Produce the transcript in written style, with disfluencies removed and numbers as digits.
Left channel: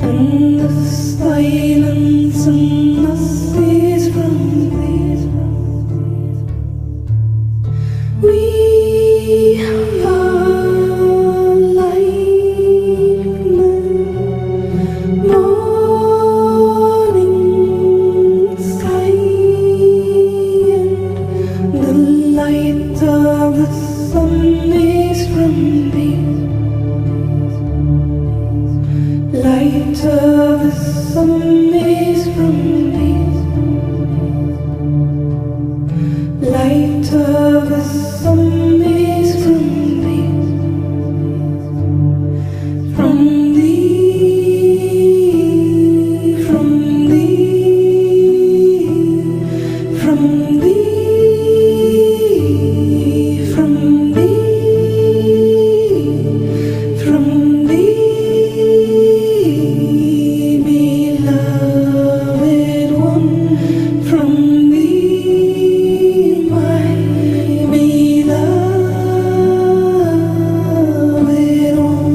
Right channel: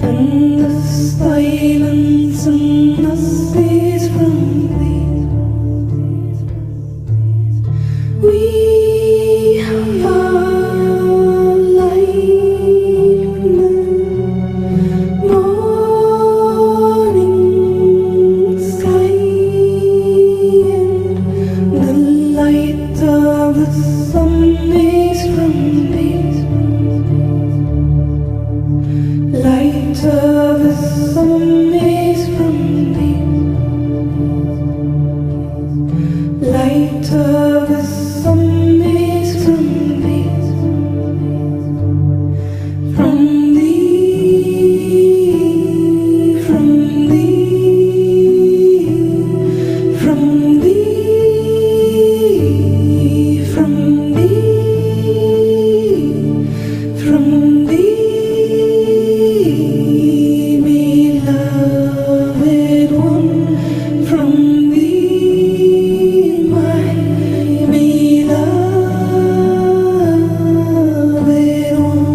and the silence and the seas from these. We are like the morning sky, and the light of the sun is from these. Light of the sun is from these. Light of the sun is from these. From thee, from thee, from thee, from thee, from thee. Beloved one, from thee, my beloved one.